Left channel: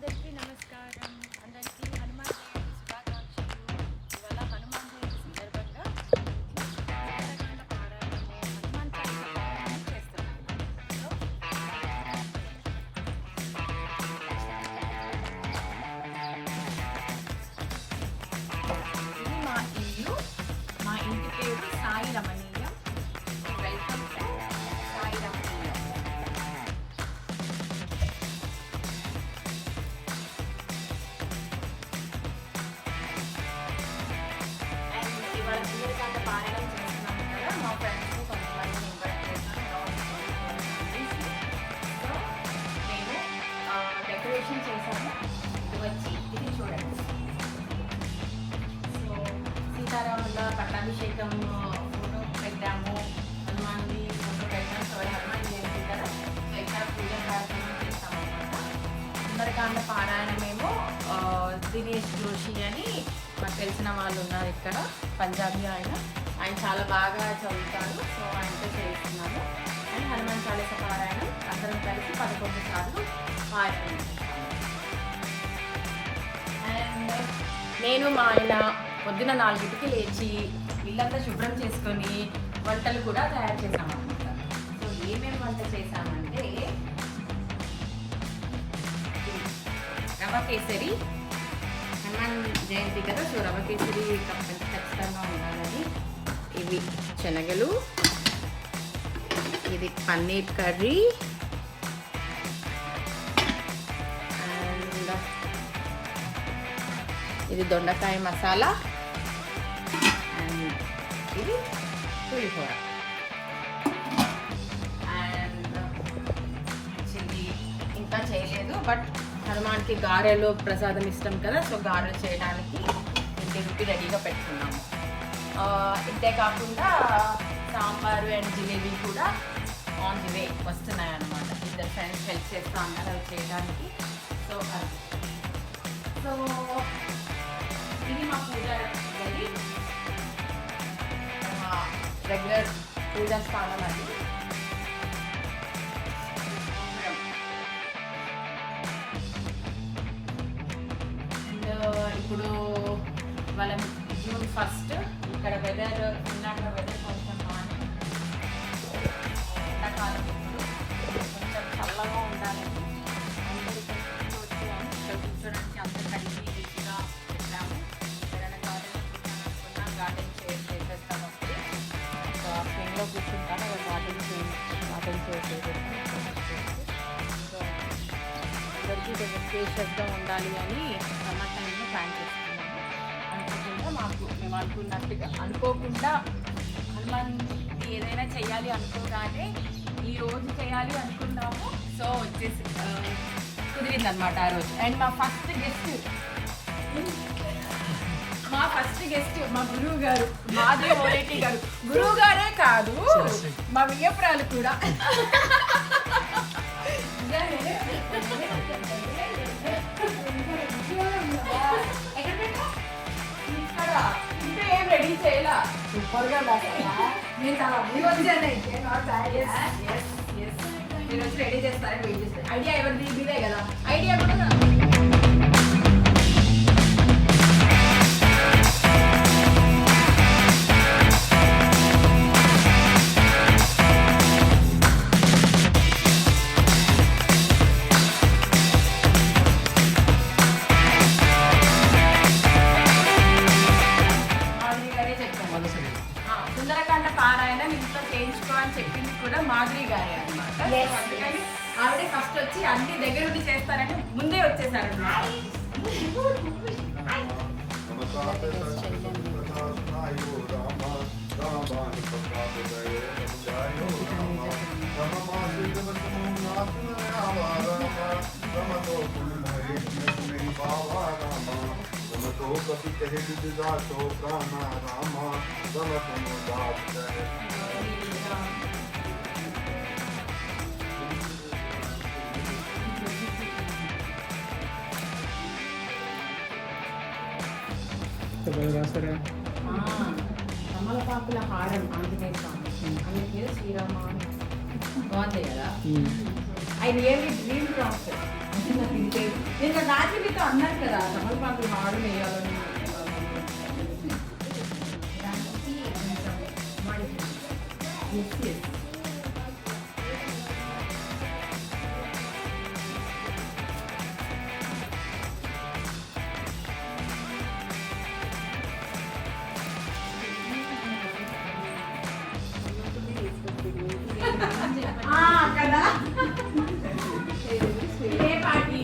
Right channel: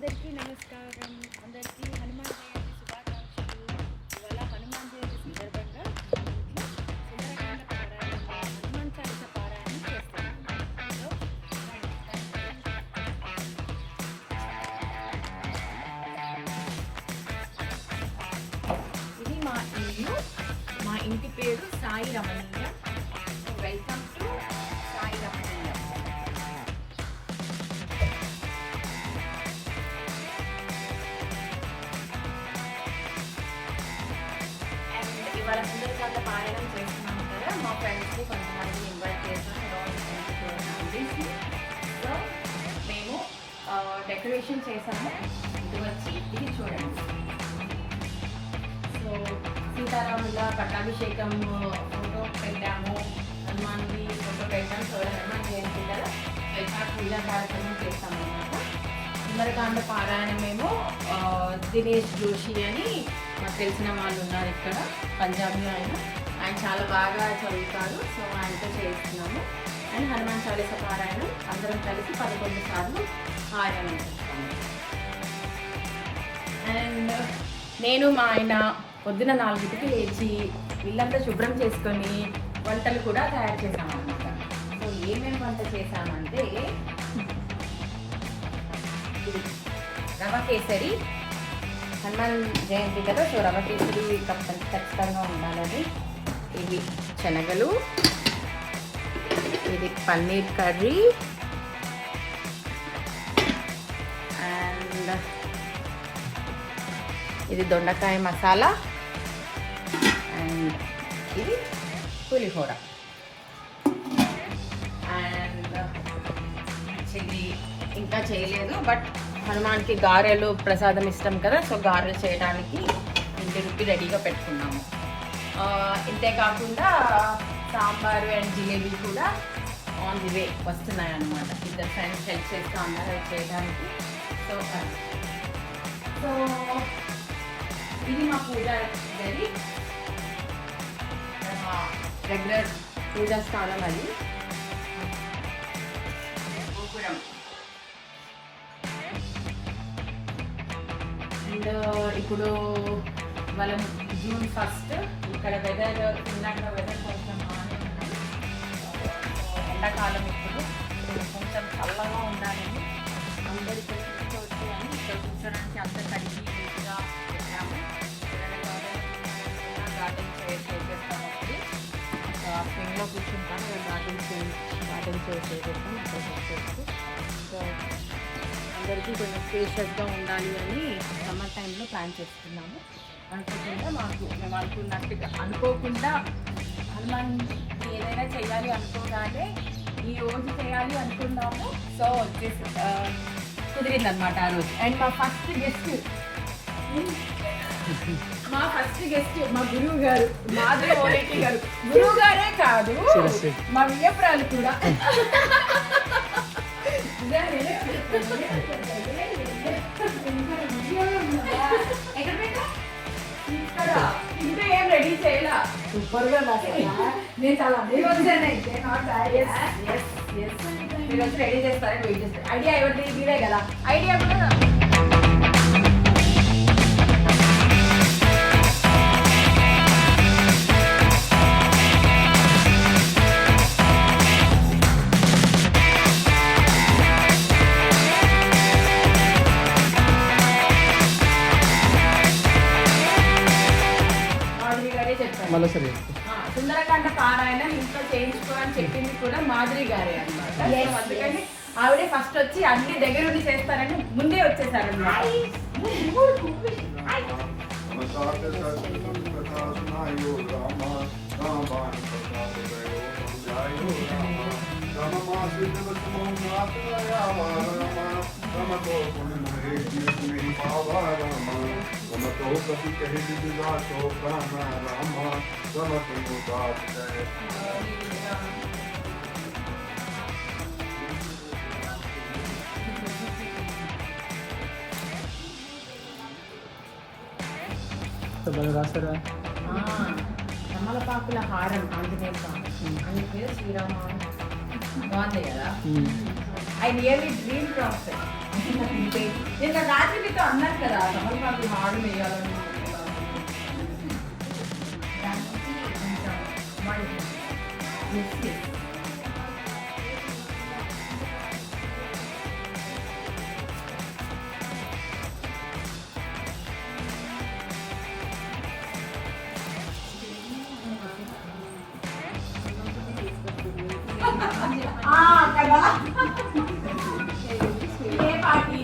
అందరికీ నమస్కారం. అందరికీ హనుమాన్ జయంతి శుభాకాంక్షలు. ఇవాళ హనుమాన్ జయంతి సందర్భంగా హనుమాన్ చాలీసా పారాయణం చేస్తున్నాం. ఇది మా ఇల్లు. మా ఇంటి పేరు సాయి రమణీయం. Welcome to Sai Ramaniyam. ఇవాళ సుందరకాండ పారాయణం చేస్తున్నాము కదా, మా ఫ్రెండ్స్ కొంతమంది ఇన్వైట్ చేశాను. సో మేము డెకరేషన్ చేసాము. ఇది వచ్చి ఇది చూడండి. సో సీతారాముల పట్టాభిషేకం ఫోటో పెట్టాము, హనుమాన్ని ఫోటో పెట్టాము. సో హనుమాన్ జయంతి కదా, ఎట్లా పూజా కార్యక్రమం చేస్తాము అన్నమాట. సుందరకాండ పారాయణమేమో దినేష్ జోషి అని నాకు తెలిసిన వాళ్ళు ఉన్నారు ఇక్కడ, పంజాబీ ఆయన చాలా బాగా చదువుతారు. సో ఆయనతో చేస్తున్నాము. అండ్ హనుమాన్ చాలీసా పారాయణం అందరం కలిసి 11 సార్లు పారాయణం చేస్తాము. అండ్ నేను మా ఆయన పొద్దున 4కి లేచి ఇల్లంతా శుభ్రం చేసుకొని వంటలు కూడా తయారు చేసామన్నమాట. సో ఏమేమి వంట చేసామంటే రవ కేసరి, హనుమాన్ జయంతి కదా, సో రవ కేసరి ఖచ్చితంగా ఉండాలని. ఇది శనగలు, ఇది పన్నీర్ కర్రీ, అండ్ ఇది దొండకాయ మసాలా, అండ్ ఇది పులిహోర. అండ్ చిల్లీ ఇంకా చేయలేదు, బట్ హనుమాన్కి గారెలు ప్రసాదం ఇష్టం కదా, సో గారెలు చేయడానికి ఇంటికి రెడీగా పెట్టుకున్నాము. ఇంతే కాకుండా సాంబారు అండ్ జిలేబీ కూడా ఆన్ ది వే వస్తున్నాయి అన్నమాట. ఇద్దరు ఫ్రెండ్స్ హెల్ప్ చేస్తూ అన్నారు అవి చేయడానికి. సో సో ఇది మా పూజ గది, రెగ్యులర్ పూజా స్థానం అది. ఇప్పుడు వాళ్ళ June 1 ఇక్కడ వెదర్ ఫిన్లాండ్లో వెదర్ కొంచెం బాగానే ఉన్నది. ఎండాకాలం ఇప్పుడు కొంచెం చల్లగా ఉండాలని అందరూ ఇక్కడ వచ్చాయని కూర్చోడానికి అందరు కలిసి నీట్గా పెట్టాము. గార్డెన్ చేసేస్తాము. స్ప్రింగ్లో కూర్చుంటాము, గార్డెన్ చేసేస్తాము. సో అందరికీ కొంచెం స్పేషియస్గా ఉండాలి అని సమ్మర్ టైంలో ప్లాన్ చేస్తున్నాము. అనుకుంటుంటే మేము అనుకున్నట్టుగా అనుకోకుండా హనుమాన్ ఏదైనా చేయాలి అనుకోగానే ఈ రోజు చేయాలి అనుకున్నాము. సో వచ్చేసి కుదిరిందనమాట ఆ రోజు. అండ్ మా ఫస్ట్ గెస్ట్ మా గురువు గారు, మాధవి ఓరేటి గారు. గురువు గారే కాదు, మా వియ్యపురాలు కూడా. ఇంకా ఏం రెడీ చేయాలా, సూపర్గా నేను చాలా మీరు వచ్చి రెడీ చేస్తారని వెయిట్ చేస్తాను. ఐడియా ఎవరి తీరే కదా, ఐడియా సుందరకాండ పారాయణం ఇంట్లో చేయించుకోవాలని చెప్పింది కూడా మాధురి గారే అనమాట. అందుకని ఆవిడే ఫస్ట్ వచ్చి అన్ని దగ్గర ఉండి చేస్తారని ముందే వచ్చేసారనమాట. తమలపాకుల హారం ఆంజనేయ స్వామి, ఆయన పేరు శ్రీరామ. బాగుంది కదా. ఐ రియల్లీ డ్రీమ్ ఆఫ్ నిన్న రాత్రి మీతో అన్నారు కదా తమలపాకు మాడు వేయాలని కదా ఏ party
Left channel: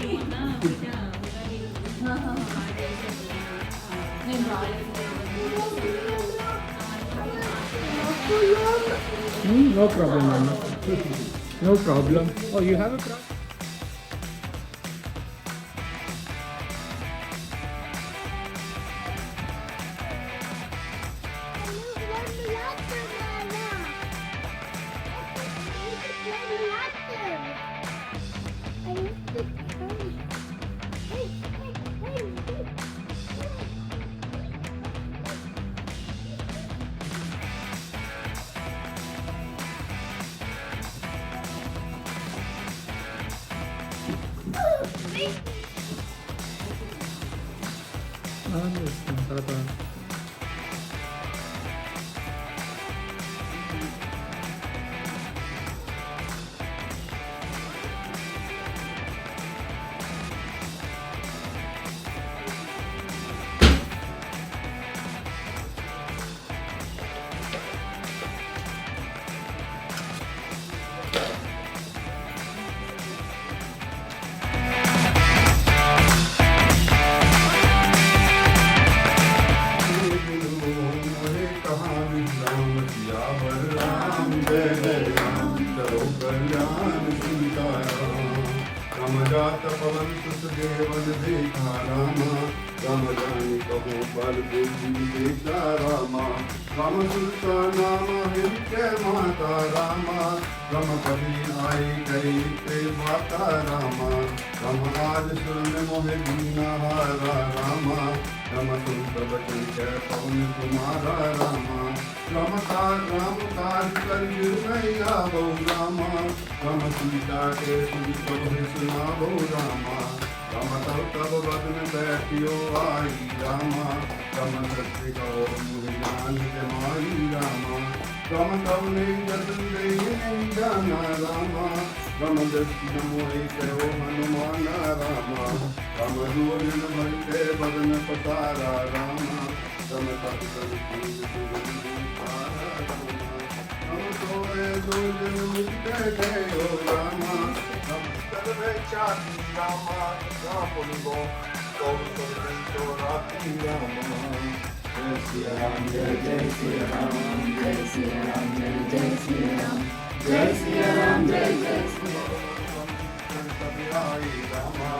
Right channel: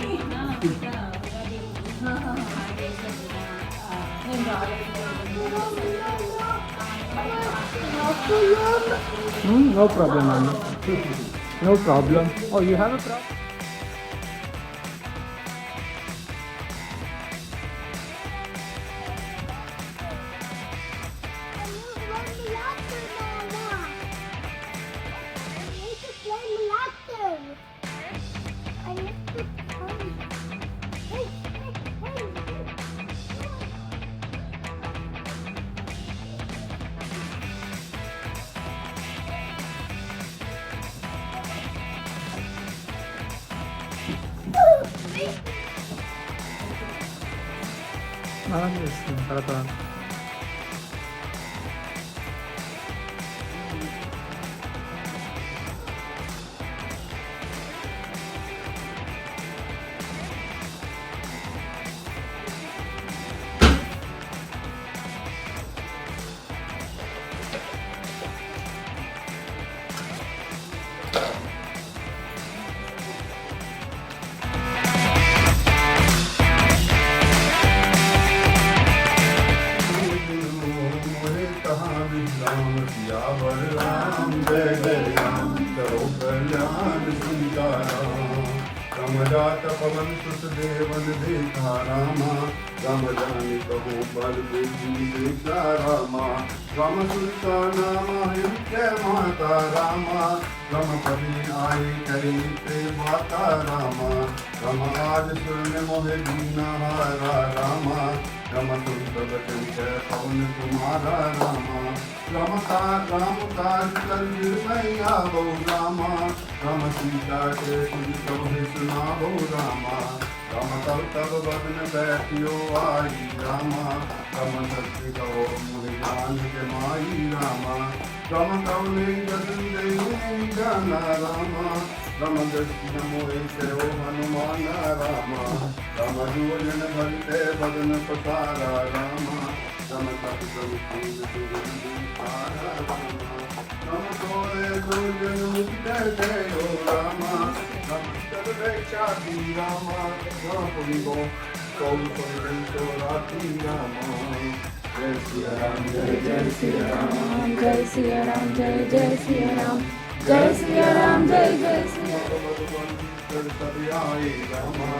No problem, Anna. No problem. Oh, you have a problem? తర్వాత रामजात पवन सुत देवन देखा रामा राम जानी कहो बल बुद्धि देखा रामा राम सुरता नामा हिंके माता रामा राम परी आए करे माता रामा राम आज सुन मोहे दीना हारा रामा राम तुम बचन कर कौन तुम्हारा रामा राम काज कर मैया बो रामा राम सीता के सुन कहो सुनाबो रामा राम तब बदन बैठियो आई रामा राम सत्य कहो मुझे जान के माई रामा राम कौने बदन दे नहीं जाना रामा राम दर्शन मोहे करो हनुमान रामा राम रूप भरते बदन पतारा रामा राम तब राम तोरे दुर्जन मुझे गयो रामा राम तब चाहती रामा राम को राती रामा जय सिया राम जय जय सिया राम जय सिया राम जय जय सिया राम जय सिया राम जय जय सिया रामा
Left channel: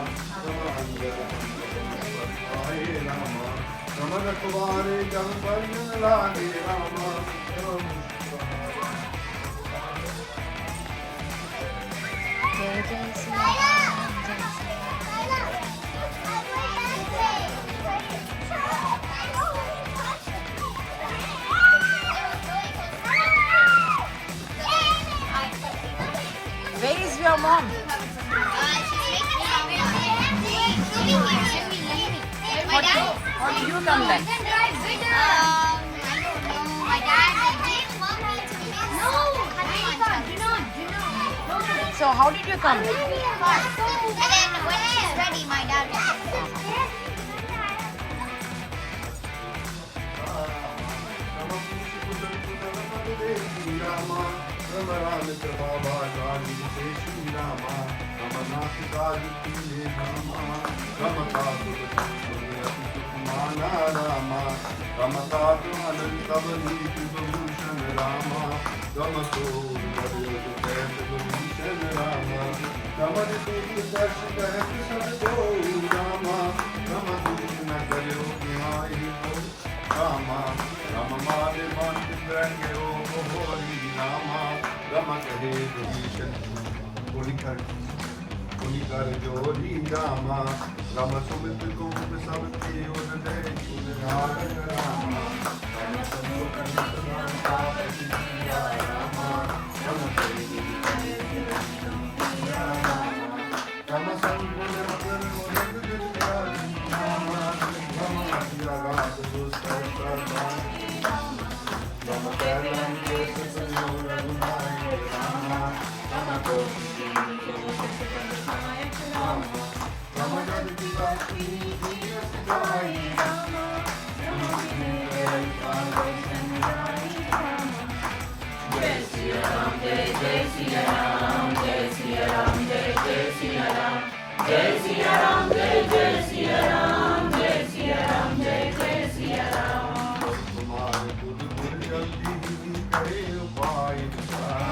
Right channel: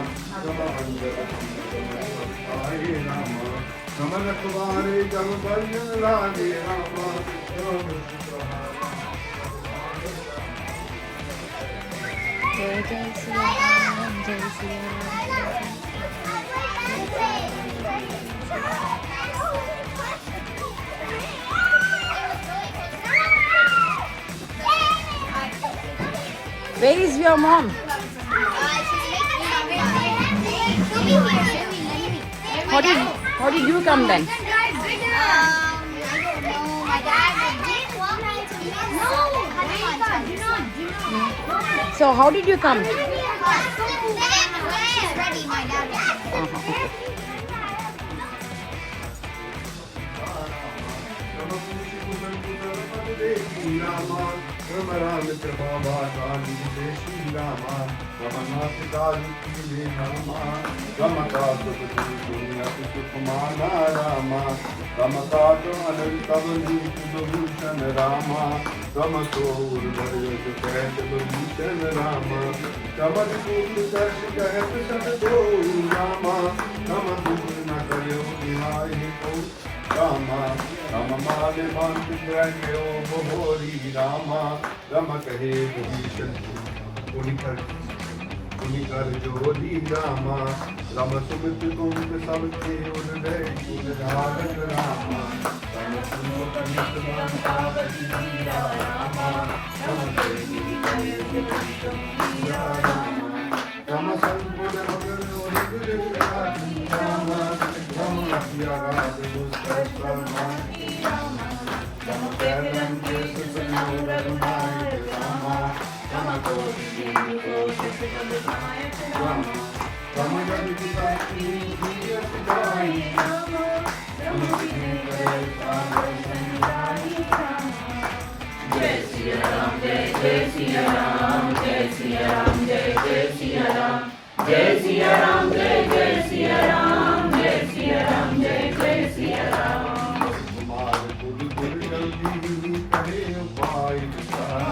नमन तुम्हारे जम बलिन लागे रामा जय जय सिया राम जय सिया Ram Where is your mom? How did you come then? I don't know. My dad did want me to go. No, So how did you come? and then when she's ready, my dad will. Rama kahe Vibhishan Kuni kar jodi Rama Rama sumit kump sab ke uday Rama Rama Rama sumit kump sab ke uday Rama Rama तुम्हारे बुध गुर जल्दी करे पाई विचार।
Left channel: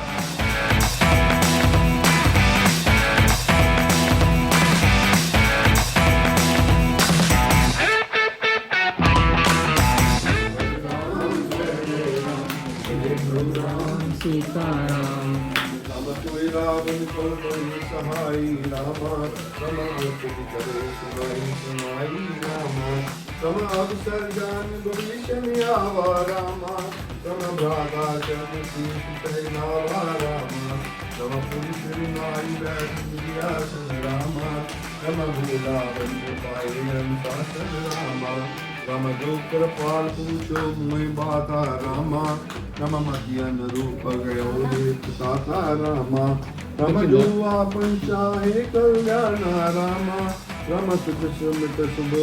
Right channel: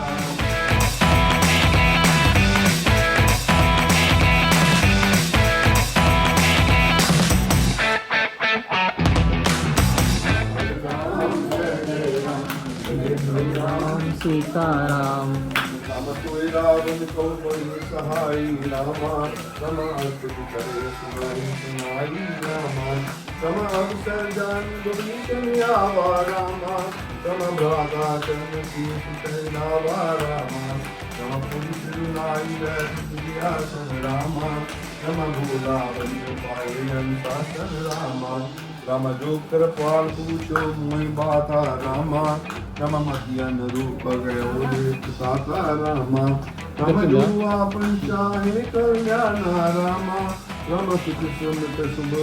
सीताराम राम कोई रावण को कोई सहाय रामा रमा तुझ करे सुनाई रामा रमा अवसर जान दुर्निशन आवा रामा रमा भ्राता चम सीत लावा रामा रमा पुरुष नाई बैठियासन रामा रमा भूला बन पाए अंतासन रामा राम जो कृपाल पूछो मुई बाता रामा राम मध्यन रूप गयो देख साता रामा राम जो पंचाहे कल्याण रामा राम सुख सुमित सुख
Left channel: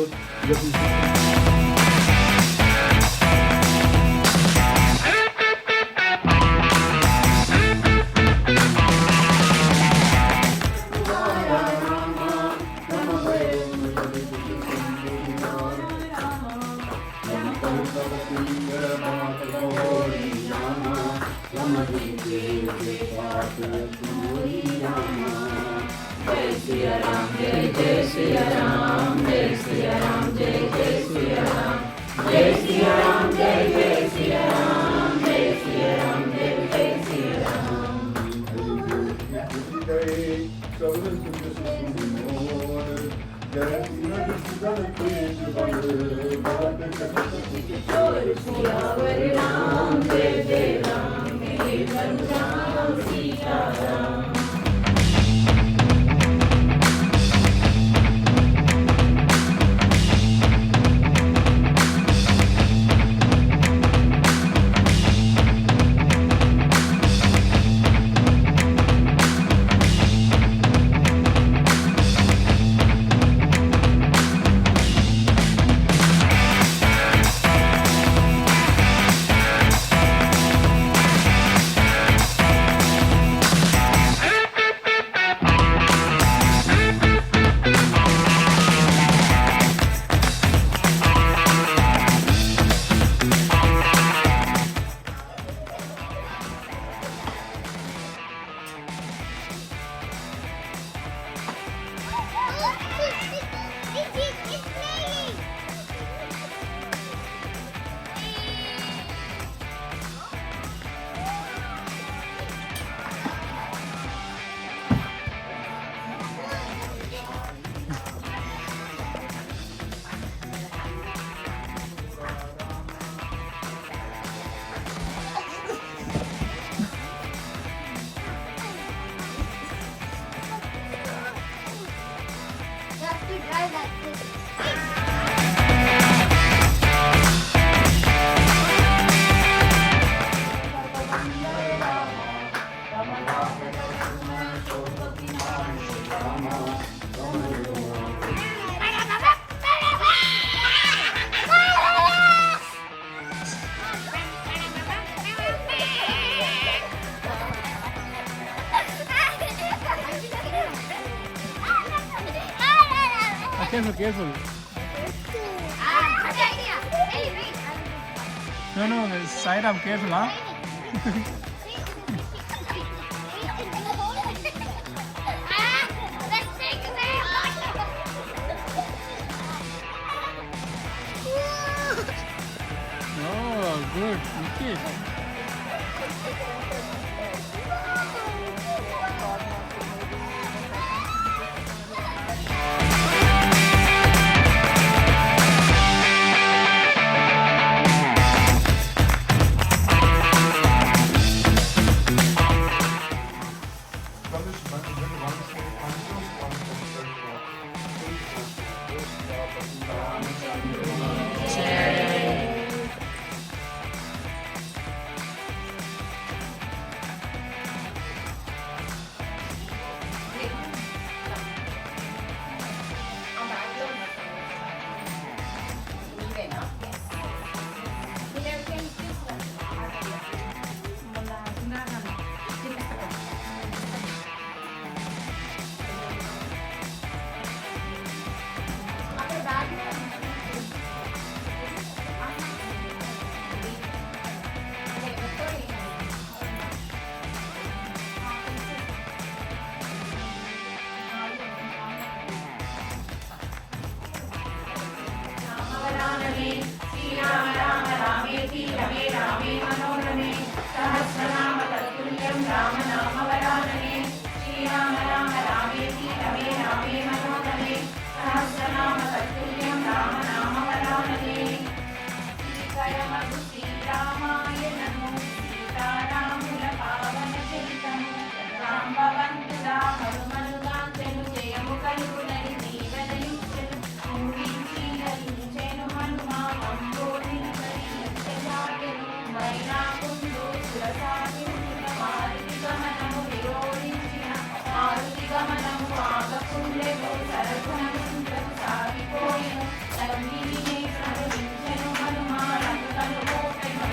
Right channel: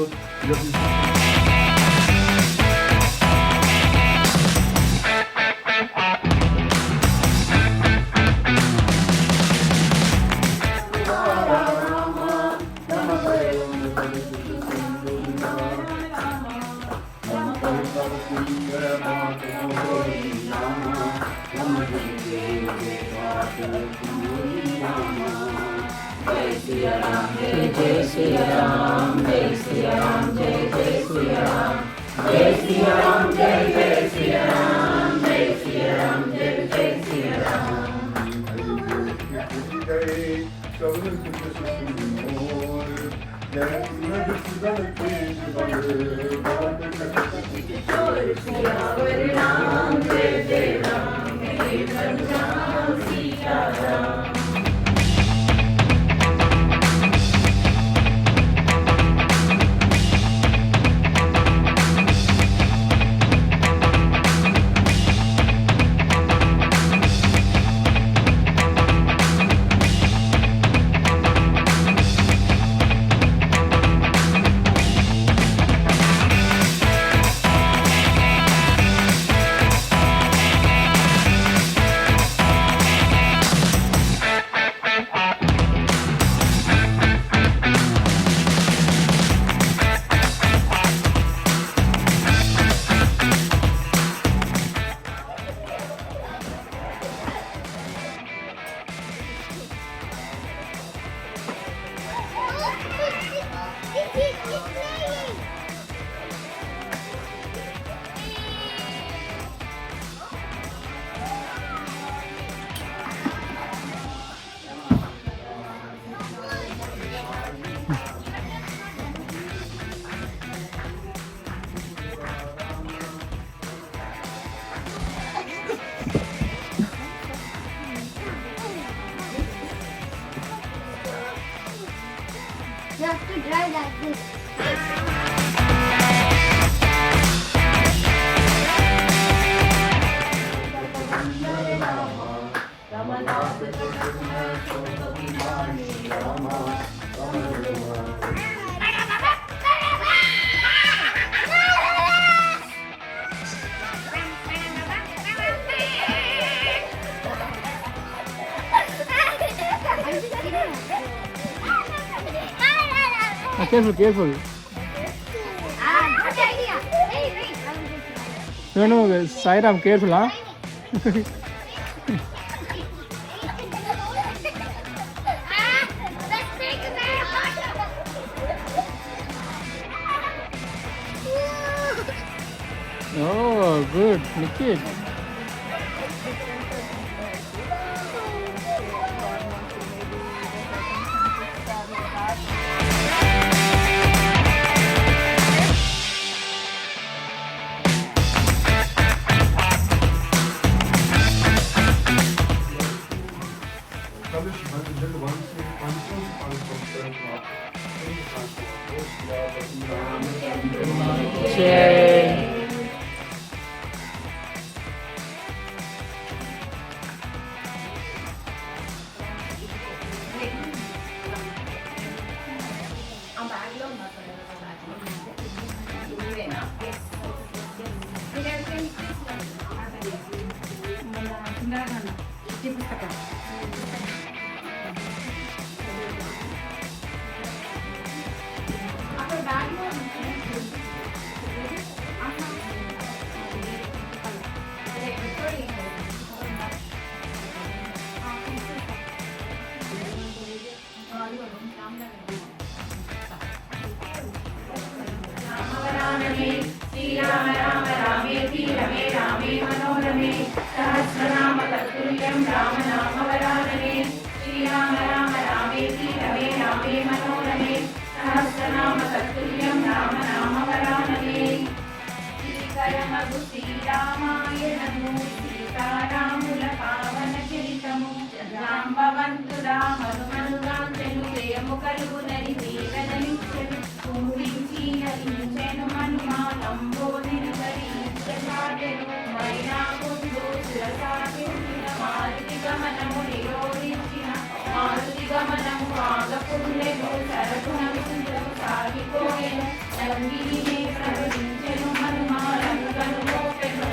Careful, careful. Good idea. Hey, wait. No, Sairam, careful, huh? Let's take a Oh, good. Nikit. वरानने श्रीराम राम रामेति रमे रामे मनोरमे सहस्रनाम तत्तुल्यं राम नाम वरानने श्रीराम राम रामेति रमे रामे मनोरमे सहस्रनाम तत्तुल्यं राम नाम वरानने శ్రీకరమగు శ్రీరామాయ నమో సీతారాముల పావన చరితము రాంభవంతు రామనుగాంచెను జయము కలుగునని దీనదలించెను కుంభించి నలించెను హనుమా కంబోధిన పరి ముఖ్యజాతెను మైనాకుండు శిరసాగించిన మారుతి గమనము విరోధించిన మారుతి గమనము పాలపుండెను సరకు నరసింహము సాగిపోయెను లంబిని ప్రవహించెను హనుమా లంకను మోపెను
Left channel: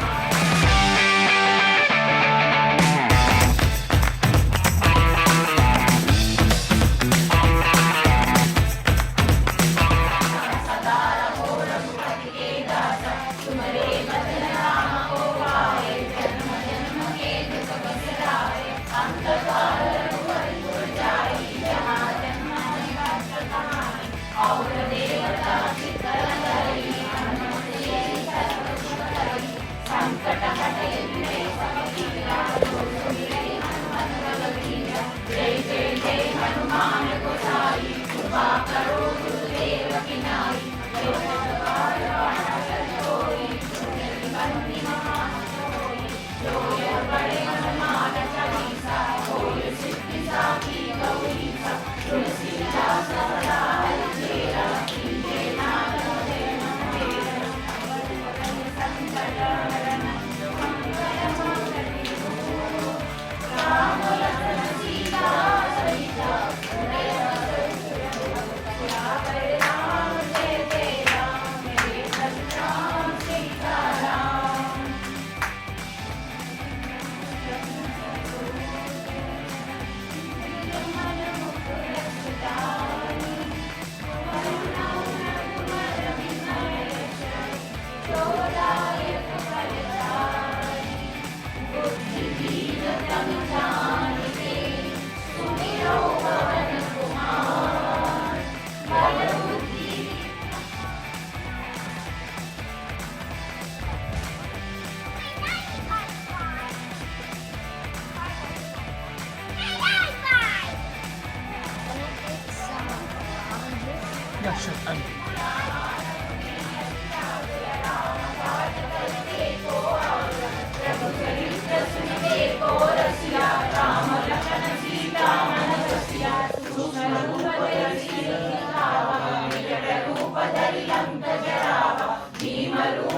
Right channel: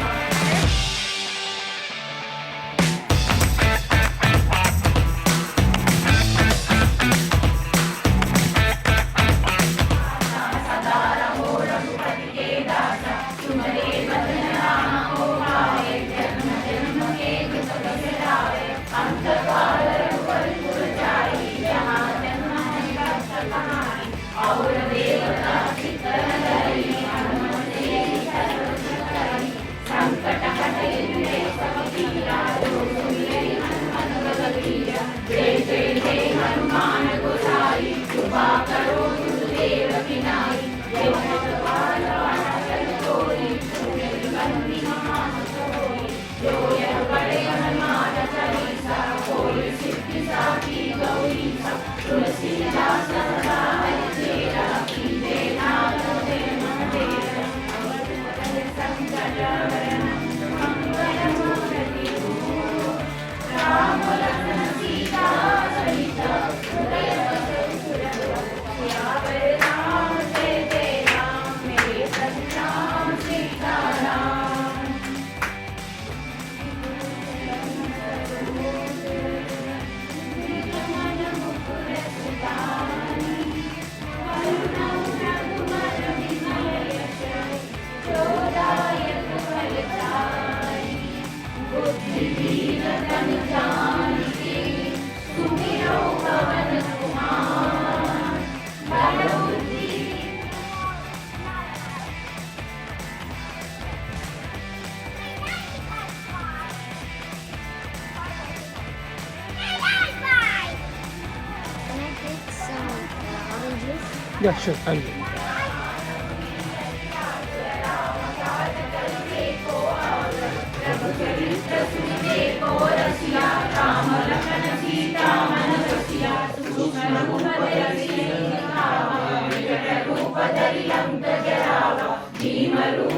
Yeah, sure. I'll do. రూపధరి లంక జరావ భీమరూప